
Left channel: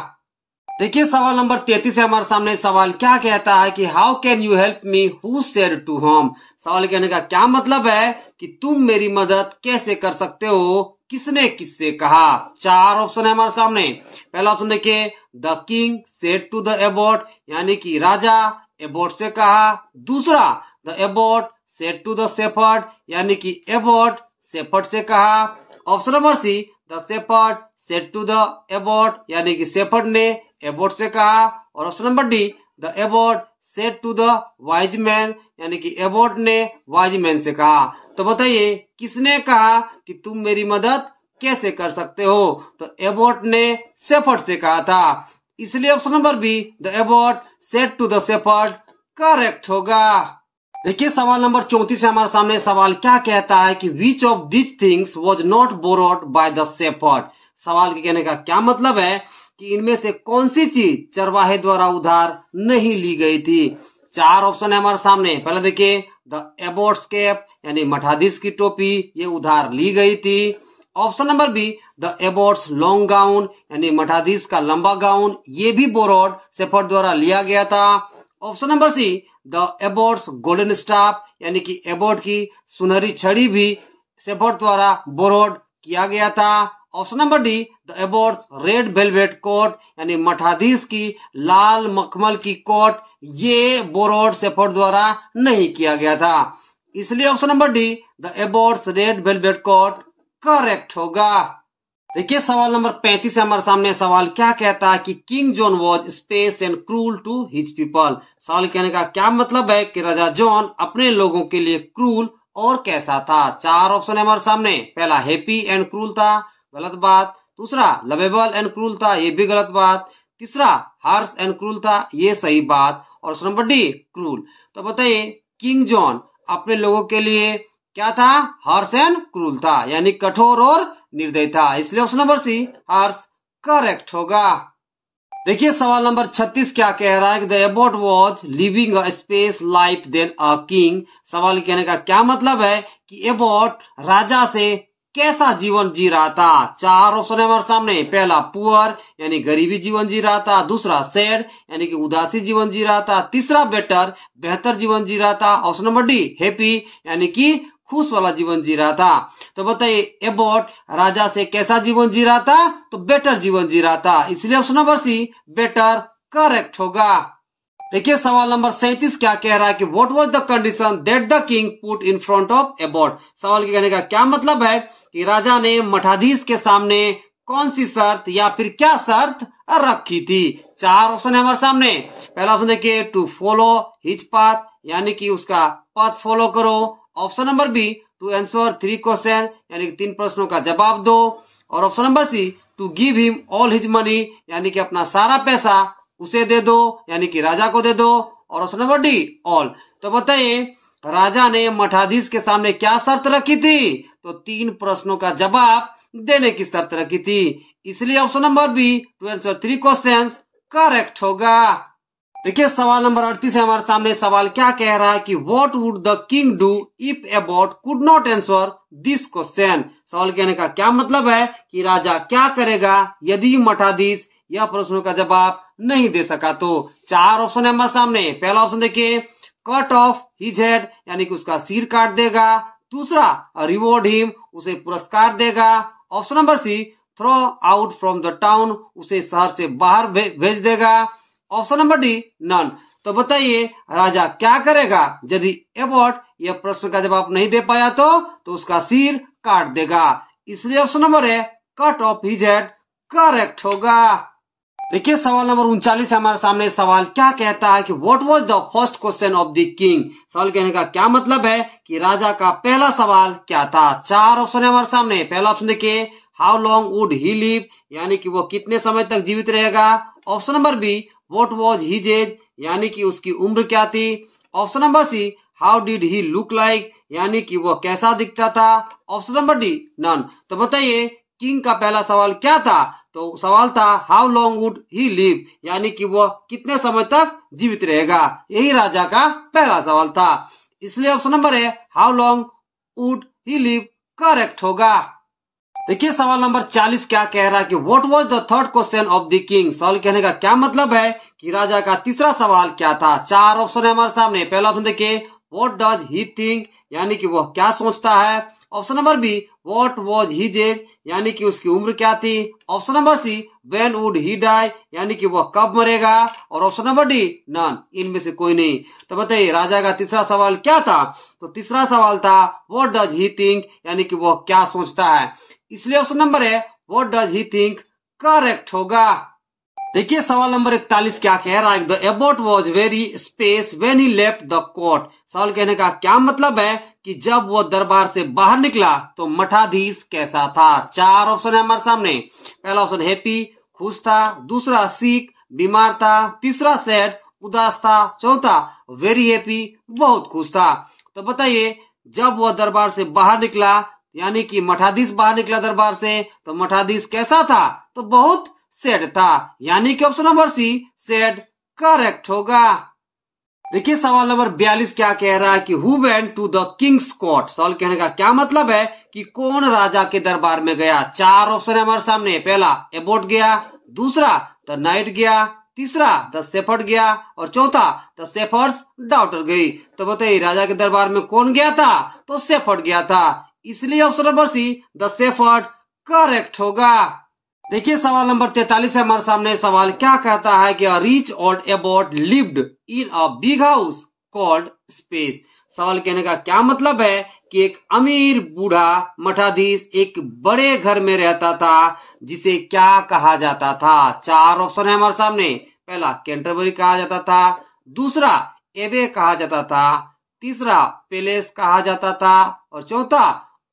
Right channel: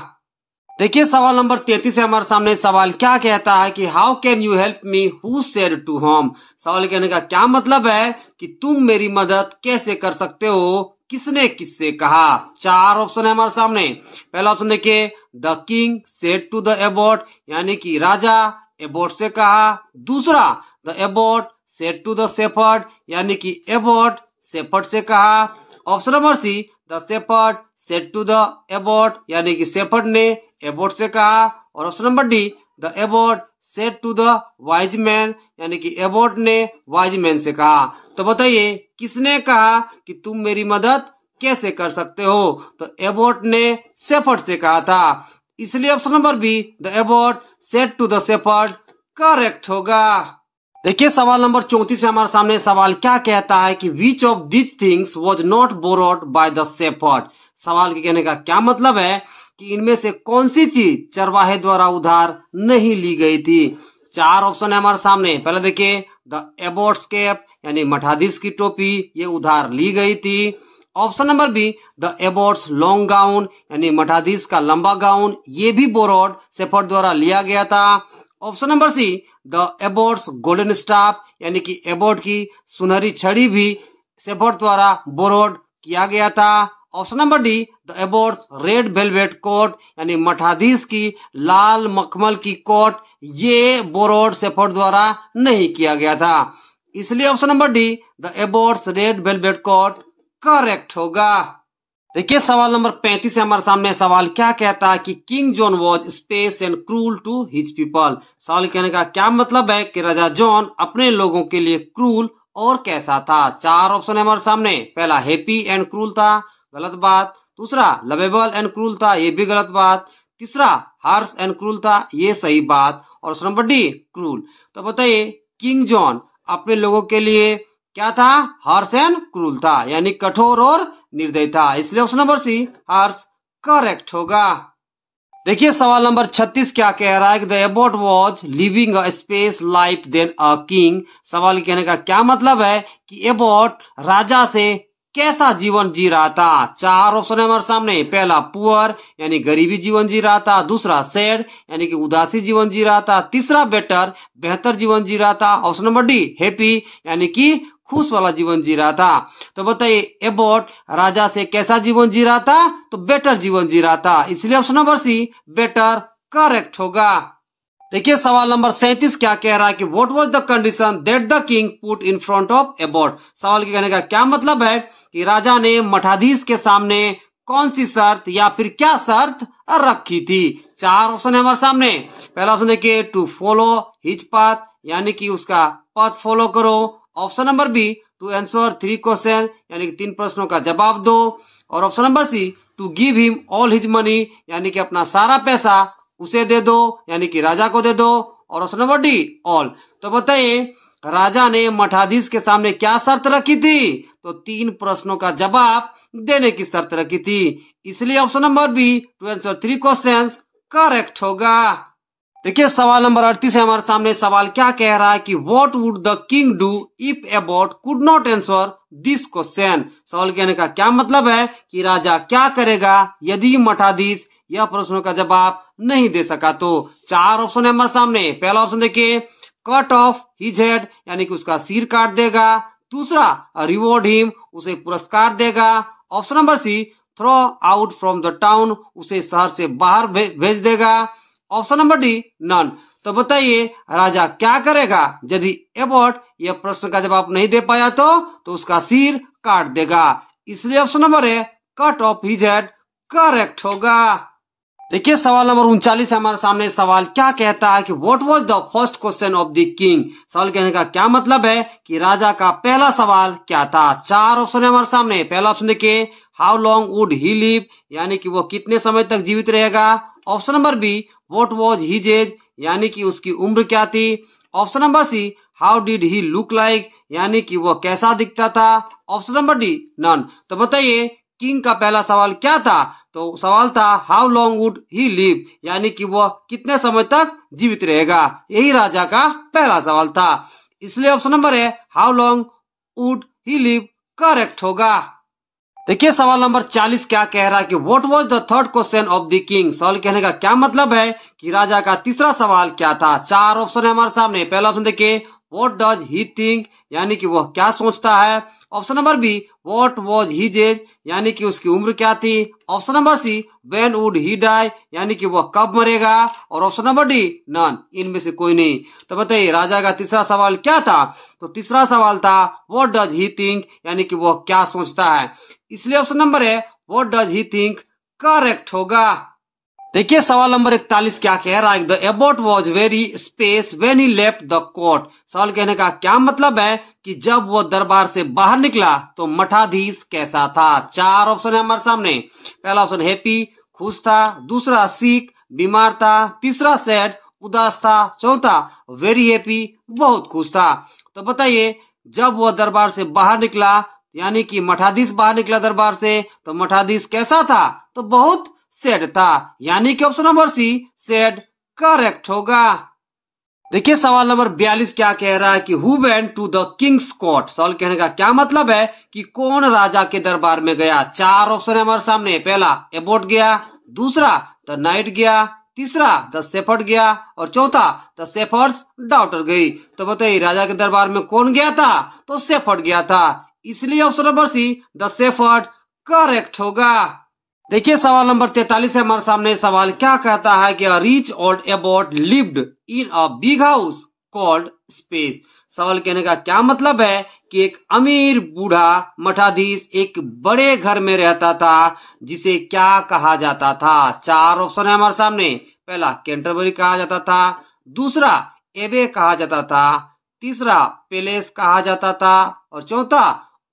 देखिए सवाल नंबर 33 है हमारे सामने। सवाल क्या कहता है कि how can you help me who said to whom. सवाल कहने का क्या मतलब है कि तुम मेरी मदद कैसे कर सकते हो, किसने किससे कहा। 4 ऑप्शन है हमारे सामने। पहला ऑप्शन देखिए the king said to the abbot, यानी कि राजा एबॉट से कहा। दूसरा the abbot said to the shepherd, यानी कि एबॉट शेफर्ड से कहा। Option number C the shepherd said to the abbot, यानी कि शेफर्ड ने एबॉट से कहा। और option number D the abbot said to the wise man, यानी कि एबॉट ने वाइज मैन से कहा। तो बताइए किसने कहा कि तुम मेरी मदद कैसे कर सकते हो। तो एबॉट ने शेफर्ड से कहा था, इसलिए option number B the abbot said to the shepherd correct होगा। देखिए सवाल नंबर 34 है हमारे सामने। सवाल क्या कहता है कि which of this things was not borrowed by the shepherd. सवाल के कहने का क्या मतलब है कि इनमें से कौन सी चीज चरवाहे द्वारा उधार नहीं ली गई थी। 4 ऑप्शन है हमारे सामने। पहले देखिए द एबॉट्स कैप, यानी मठाधीश की टोपी, ये उधार ली गई थी। Option number B the Abbott's long gown, यानी मठाधीश का लंबा गाउन, ये भी बोरोड शेफर्ड द्वारा लिया गया था। Option number C the Abbott's golden staff, यानी कि एबॉट की सुनहरी छड़ी भी शेफर्ड द्वारा बोरोड किया गया था। Option number D the abbot's red velvet coat, यानी मठाधीश की लाल मखमल की कोट, ये बोरोड शेफर्ड द्वारा नहीं किया गया था, इसलिए option number D the abbot's red velvet coat correct होगा। देखिए सवाल नंबर 35 है हमारे सामने। सवाल क्या कहता है कि king John was space and cruel to his people. सवाल कहने का क्या मतलब है कि राजा जॉन अपने लोगों के लिए क्रूल और कैसा था। 4 ऑप्शन है हमारे सामने। पहला हैप्पी एंड क्रूल था, गलत बात। दूसरा लवेबल एंड क्रूल था, ये भी गलत बात। तीसरा हार्श एंड क्रूल था, ये सही बात। और ऑप्शन नंबर डी क्रूल। तो बताइए किंग जॉन अपने लोगों के लिए क्या था? हार्श एंड क्रूल था, यानी कठोर और निर्दयी था, इसलिए option number C harsh correct होगा। देखिए सवाल नंबर 36 क्या कह रहा है कि the abbot was living a space life than a king. सवाल कहने का क्या मतलब है कि एबॉट राजा से कैसा जीवन जी रहा था। चार ऑप्शन है हमारे सामने। पहला पुअर यानी गरीबी जीवन जी रहा था, दूसरा सैड यानी कि उदासी जीवन जी रहा था, तीसरा बेटर बेहतर जीवन जी रहा था, ऑप्शन नंबर डी हैप्पी यानी कि खुश वाला जीवन जी रहा था। तो बताइए एबॉट राजा से कैसा जीवन जी रहा था, तो बेटर जीवन जी रहा था, इसलिए option number C better correct होगा। देखिए सवाल नंबर 37 क्या कह रहा है कि what was the condition that the king put in front of Abbott. सवाल के कहने का क्या मतलब है कि राजा ने मठाधीश के सामने कौन सी शर्त या फिर क्या शर्त रखी थी। चार ऑप्शन है हमारे सामने। पहला ऑप्शन देखिए टू फॉलो हिज पाथ यानी कि उसका पथ फॉलो करो, option number B to answer 3 question यानी कि 3 प्रश्नों का जवाब दो, और option number C to give him all his money यानी कि अपना सारा पैसा उसे दे दो यानी कि राजा को दे दो, और ऑप्शन नंबर डी ऑल। तो बताइए राजा ने मठाधीश के सामने क्या शर्त रखी थी, तो 3 प्रश्नों का जवाब देने की शर्त रखी थी, इसलिए option number B to answer 3 questions correct होगा। देखिए सवाल नंबर 38 है हमारे सामने। सवाल क्या कह रहा है कि what would the king do if Abbott could not answer this question. सवाल कहने का क्या मतलब है कि राजा क्या करेगा यदि मठाधीश यह प्रश्नों का जवाब नहीं दे सका तो। चार ऑप्शन है हमारे सामने। पहला ऑप्शन देखिए कट ऑफ हिज हेड यानी कि उसका सिर काट देगा, दूसरा रिवॉर्ड हिम उसे पुरस्कार देगा, option number C throw out from the town उसे शहर से बाहर भेज देगा, ऑप्शन नंबर डी नन। तो बताइए राजा क्या करेगा यदि एबॉट यह प्रश्न का जवाब नहीं दे पाया तो उसका सिर काट देगा, इसलिए ऑप्शन नंबर है cut off his head correct होगा। देखिए सवाल नंबर 39 हमारे सामने। सवाल क्या कहता है कि what was the first question of the king. सवाल कहने का क्या मतलब है कि राजा का पहला सवाल क्या था। चार ऑप्शन है हमारे सामने। पहला ऑप्शन देखिए how long would he live यानी कि वो कितने समय तक जीवित रहेगा, option number B what was his age यानी कि उसकी उम्र क्या थी, option number see how did he look like यानी कि वो कैसा दिखता था, ऑप्शन नंबर डी नन। तो बताइए किंग का पहला सवाल क्या था, तो सवाल था how long would he live यानी कि वो कितने समय तक जीवित रहेगा, यही राजा का पहला सवाल था, इसलिए ऑप्शन नंबर है how long would he live correct होगा। देखिए सवाल नंबर 40 क्या कह रहा है कि what was the third question of the king. सवाल कहने का क्या मतलब है कि राजा का तीसरा सवाल क्या था। चार ऑप्शन है हमारे सामने। पहला ऑप्शन देखिए व्हाट डज ही थिंक यानी कि वह क्या सोचता है, option number B what was his age यानी कि उसकी उम्र क्या थी, option number C when would he die यानी कि वह कब मरेगा, और ऑप्शन नंबर डी नन, इनमें से कोई नहीं। तो बताइए राजा का तीसरा सवाल क्या था, तो तीसरा सवाल था व्हाट डज ही थिंक यानी कि वह क्या सोचता है, इसलिए ऑप्शन नंबर है what does he think correct होगा। देखिए सवाल नंबर 41 क्या कह रहा है the abbot was very space when he left the court. सवाल कहने का क्या मतलब है कि जब वो दरबार से बाहर निकला तो मठाधीश कैसा था। चार ऑप्शन है हमारे सामने। पहला ऑप्शन हैप्पी खुश था, दूसरा सिक बीमार था, तीसरा सैड उदास था, चौथा वेरी हैप्पी बहुत खुश था। तो बताइए जब वो दरबार से बाहर निकला यानी कि मठाधीश बाहर निकला दरबार से तो मठाधीश कैसा था, तो बहुत सैड था, यानी कि option number C sad correct होगा। देखिए सवाल नंबर 42 क्या कह रहा है कि who went to the king's court. सवाल कहने का क्या मतलब है कि कौन राजा के दरबार में गया। चार ऑप्शन है हमारे सामने। पहला एबॉट गया, दूसरा द नाइट गया, तीसरा द शेफर्ड गया, और चौथा द शेफर्ड्स डॉटर गई। तो बताइए राजा के दरबार में कौन गया था, तो शेफर्ड गया था, इसलिए option number C the shepherd correct होगा। देखिए सवाल नंबर 43 है हमारे सामने। सवाल क्या कहता है कि a rich old Abbott lived in a big house called space. सवाल कहने का क्या मतलब है कि एक अमीर बूढ़ा मठाधीश एक बड़े घर में रहता था जिसे क्या कहा जाता था। चार ऑप्शन है हमारे सामने। पहला कैंटरबरी कहा जाता था, दूसरा एबे कहा जाता था, तीसरा पैलेस कहा जाता था, और चौथा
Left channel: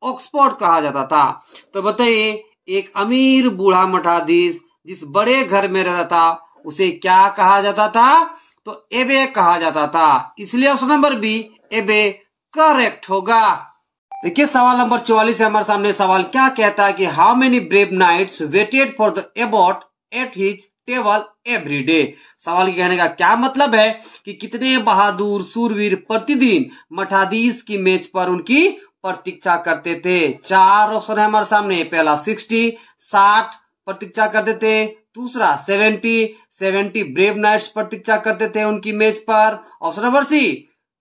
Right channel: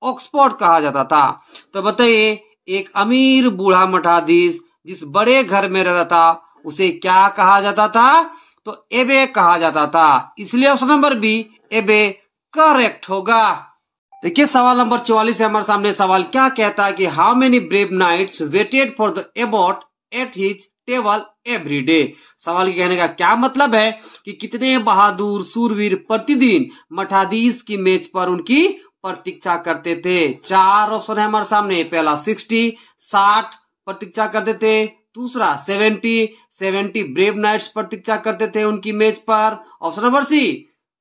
ऑक्सफोर्ड कहा जाता था। तो बताइए एक अमीर बूढ़ा मठाधीश जिस बड़े घर में रहता था उसे क्या कहा जाता था, तो एबे कहा जाता था, इसलिए ऑप्शन नंबर बी एबे करेक्ट होगा। देखिए सवाल नंबर 44 है हमारे सामने। सवाल क्या कहता है कि how many brave knights waited for the abbot at his table every day. सवाल के कहने का क्या मतलब है कि कितने बहादुर सूरवीर प्रतिदिन मठाधीश की मेज पर उनकी प्रतीक्षा करते थे। 4 ऑप्शन है हमारे सामने। पहला 60 प्रतीक्षा करते थे। दूसरा 70 ब्रेव नाइट्स प्रतीक्षा करते थे उनकी मैच पर। ऑप्शन नंबर सी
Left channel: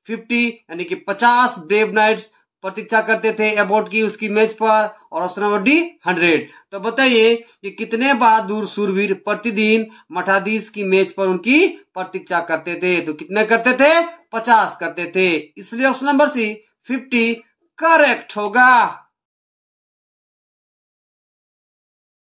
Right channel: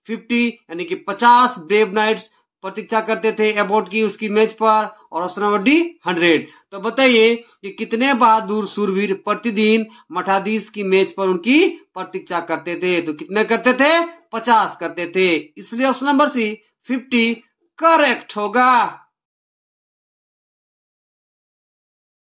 50 यानी कि 50 ब्रेव नाइट्स प्रतीक्षा करते थे एबॉट की उसकी मैच पर। और ऑप्शन नंबर डी 100। तो बताइए कि कितने बहादुर शूरवीर प्रतिदिन मठाधीश की मैच पर उनकी प्रतीक्षा करते थे। तो कितने करते थे? 50 करते थे। इसलिए ऑप्शन नंबर सी 50 करेक्ट होगा।